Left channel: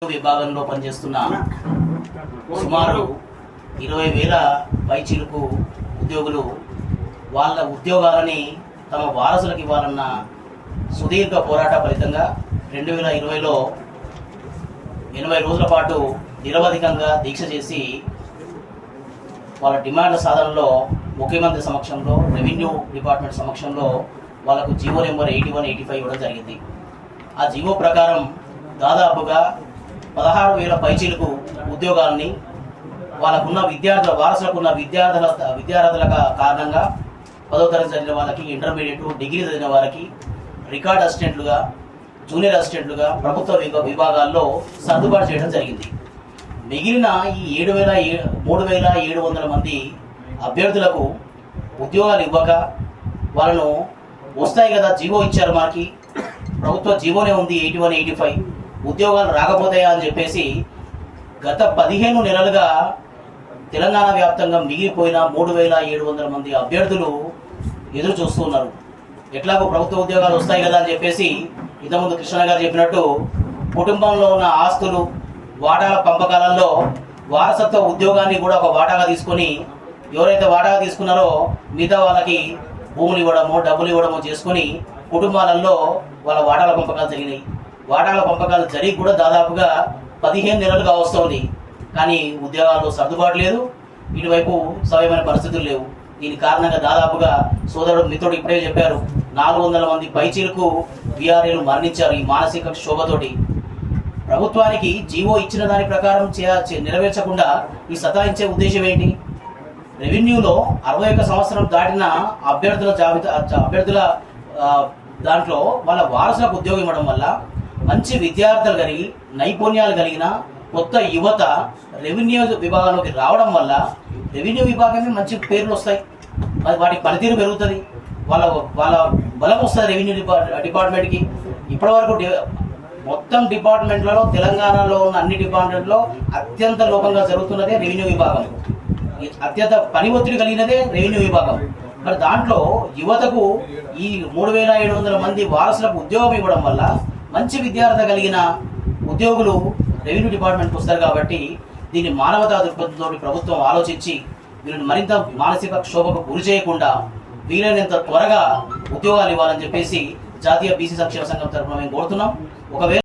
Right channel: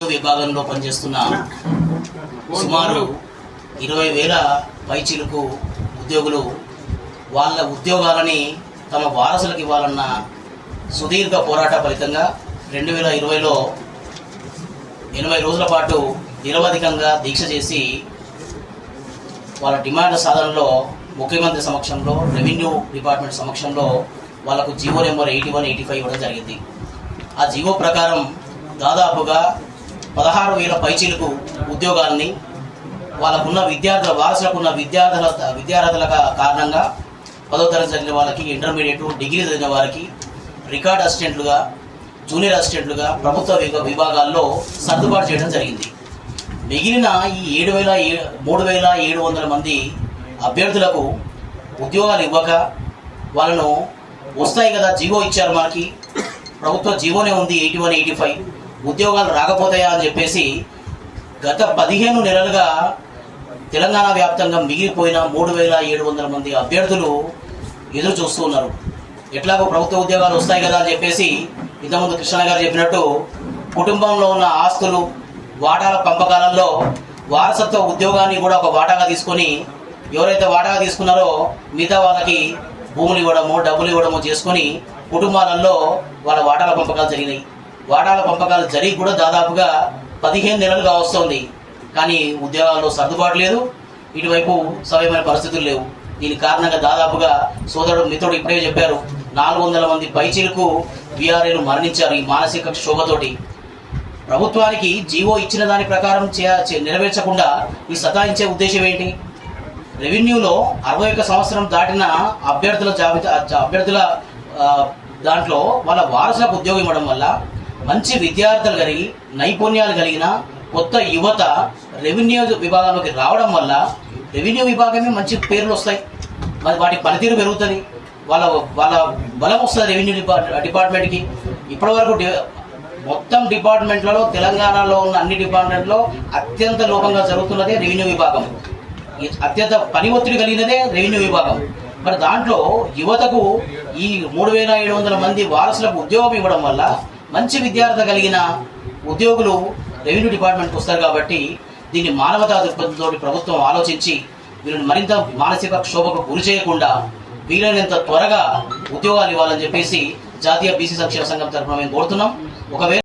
విభాగంలో పనిచేస్తున్న సుమారు ఇరవై వేల పైచీలకు ఉద్యోగులు వాళ్ళ ఉద్యోగాలని తమ వారసులకు ఇవ్వాలన్న సుదీర్ఘ పోరాట ఫలితంగా రెండు వేల ఇరవైలో ఎనభై రోజుల పాటు నిరవధికంగా దీక్ష చేసి వాళ్ళ డిమాండ్ సాధనలో ముఖ్యమంత్రి సమక్షంలో రెవెన్యూ డిపార్ట్మెంట్ సమక్షంలో వాళ్ళకు GO number eighty one eighty five ఇవ్వడం జరిగింది. ఆ జీవో ప్రకారం దాదాపుగా పదహారు వేల పైచీలకు ఉద్యోగాల్ని వాళ్ళకున్న విద్యార్థుల వారసులకు ఉన్న విద్యార్థుల విద్యార్థుల కారణంగా పదో తరగతి చదివిన వాళ్ళకి ఇంటర్మీడియట్ డిగ్రీ చదివిన వారికి రికార్డ్ అసిస్టెంట్లుగా జూనియర్ అసిస్టెంట్లుగా ప్రభుత్వ విభాగాల్లో సర్దుబాటు చేయడం జరిగింది. మిగిలిన ఈ ఏడు వేల ఏ- మూడు వేల ఏడు వందల మంది అభ్యర్థులకు ఉద్యోగాలు ఇవ్వక వాళ్ళను వస్తాయి కదా జీవో ఇచ్చారు మనకి. ప్రభుత్వ జీవోనే ఉంది ఎయిటీ వన్ ఎయిటీ ఫైవ్. ఉద్యోగాలు రాకపోతాయా అని చెప్పేసి గత పదిహేను నెలలుగా తెలంగాణ వ్యాప్తంగా మిగిలిపోయిన మూడు వేల ఏడు వందల మంది అభ్యర్థులు ఎదురు చూస్తున్నారు ఎట్లాగో ప్రభుత్వ ఉద్యోగాలు వస్తాయి కదా అని చెప్పేసి ఇంతకుముందు కృష్ణ గారు చెప్పినట్టు కుటుంబంలో ఉన్న ఆస్తులు వాటాల పంపకాలలో వారసత్వ ఉద్యోగాన్ని కూడా ఒక వాటాగా తీసుకొని ఎవరైతే వాటాగా తీసుకున్నారో మిగతా వాళ్ళకి భూములు ఇవ్వడమో డబ్బులు ఇవ్వడము చేసుకొని కుటుంబాలలో వాళ్ళ వాటాల పంపకాలు జరిగినాయి. వాటాల పంపకాలు జరిగి కూడా దాదాపుగా పదిహేను నెలలుగా వస్తోంది కానీ ఉద్యోగాల్లో సర్దుబాటు లేదు. ఇటువైపు సవ్యమైన పరిస్థితులు లేవు. దీని కారణంగా దాదాపుగా సోదరుడు మిత్రుడు ఇప్పుడే చెప్పారు నాలుగు వందల మంది పైచీలకు బీఆర్ఏలు మరణించారు ఈ మానసిక క్షోభతోటి. ప్రభుత్వానికి జీవో ఇచ్చిన దాని ప్రకారం చే- నెరవేర్చకుండా ఈ సతాయించే ఉద్దేశం ఏంటి? రెవెన్యూలో అరవై ఒక్క సంవత్సరం దాటిన అభ్యర్థుల జాబితా అభ్యర్థుల దాంట్లో వాళ్ళ వారసులకు ఉద్యోగం ఇవ్వడం వల్ల మంచి విద్యార్థులు కలిగి నైపుణ్యాలు కలిగిన కొత్త యువత రెవెన్యూ విభాగంలోకి రావడం వల్ల రెవెన్యూ విభాగమే మంచి పేర్లు వస్తాయి. మరి వాటి పనితీరు పెరుగుతుంది. వాళ్ళ వాళ్ళ బలం వస్తుంది రెవెన్యూ డిపార్ట్ డిపార్ట్మెంట్కి. ఇప్పటివరకు మొత్తం డిపార్ట్మెంట్లలో తెలంగాణలో ఉన్న అన్ని డిపార్ట్మెంట్లో అత్యంత లోపంగా జరుగుతున్నదే రెవెన్యూ విభాగం. అత్యంత పని ఒత్తిడి కలిగినదే రెవెన్యూ విభాగం. మరి దాంట్లో యువతకు ఈ మూడు వేల ఏడు వందల మంది వారసులకు ఉద్యోగం ఇవ్వడం వల్ల మంచి విద్యార్థి కలిగిన ఉద్యోగులు రెవెన్యూ డిపార్ట్మెంట్కి వస్తారు కాబట్టి దీన్ని మానవతా దృక్పథంతో ప్రభుత్వం ఆలోచించి వీళ్ళని మరింత మానసిక క్షోభకు గురి చేయకుండా వీలైనంత త్వరగా ఉద్యోగాలు ఇవ్వాలని చెప్పేసి జాతీయ బీసీ సంక్షేమ సంఘం తరఫున మేము కోరుతున్నాం. ఒకవేళ